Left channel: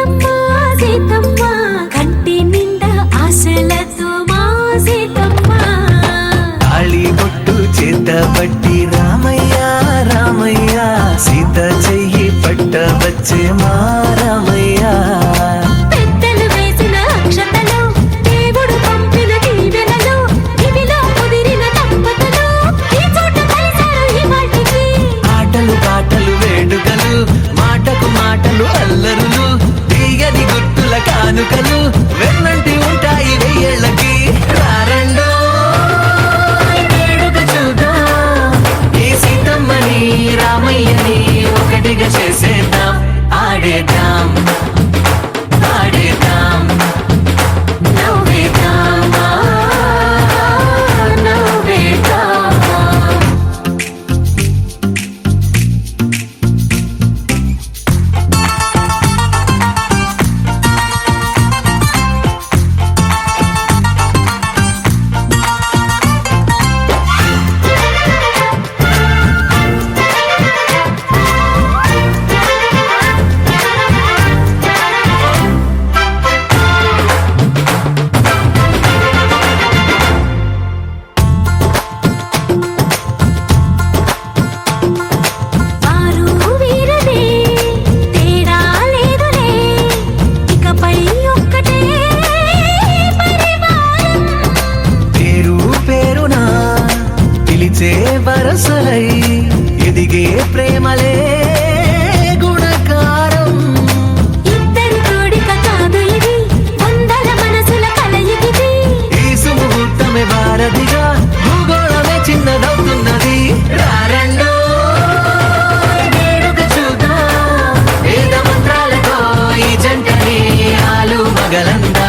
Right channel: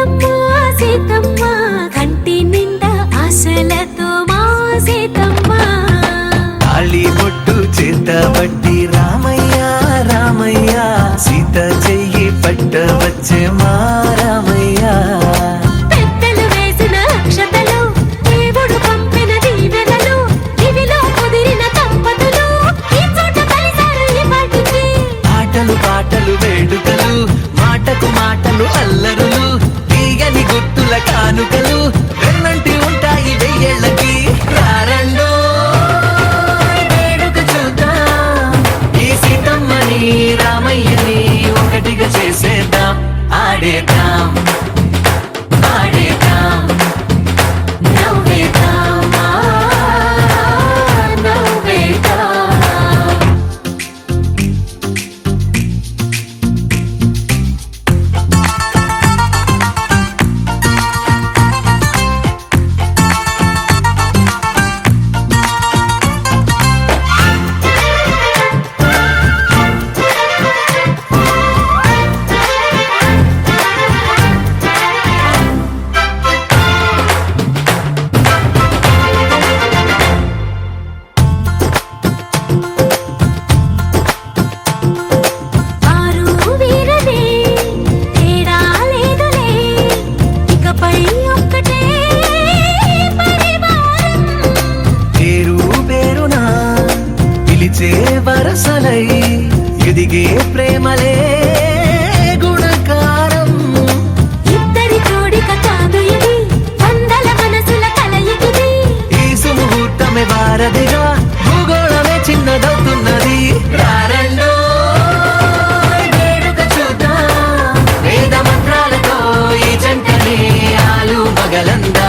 సీతమ్మ సీతమ్మ కంటి నిండా ఆశలతో మా సీతమ్మ తాళి బొట్టు చేతబట్టి రామయ్య రామయ్య సీత చెయ్యి పట్ట వచ్చే మా రామయ్య పెద్దలు వేసిన అక్షతలు దేవుడు పంపిన దీవెనలు ఇవిలో కుదిరిన దంపతులు ఈ చోట కలిశారు ఈ వాటికి ఆటలు పాటలు వేడుకలు మాటకు మాటలు అల్లరులు తీయని గుర్తుల కానుకలు వెన్నంటి ఉంటాయి వెయ్యేళ్ళకి రారండో వేడుక చూద్దాం ఈ సీతమ్మని రామయ్యని ఒకటిగా చేసేద్దాం ఆడేద్దాం పాడేద్దాం నవ్వేద్దాం నవ్వేద్దాం వారు వీరనే తేడా లేదులే ఇకపై ఒక్కటే పరివారం పేరు పేరునా పిలిచే వరసలై ఎదిగే ప్రేమలే గుణకారం ఇద్దరి కోడిక కాదు ఇది వందల మనసుల కలయికిది ఈ సుముహూర్తమే వారధిగా భూగోళమే చిన్నదవుతున్నది రారండో వేడుక చూద్దాం వేద మంత్రాలతో ఈ జంటని ఆలు మగలంద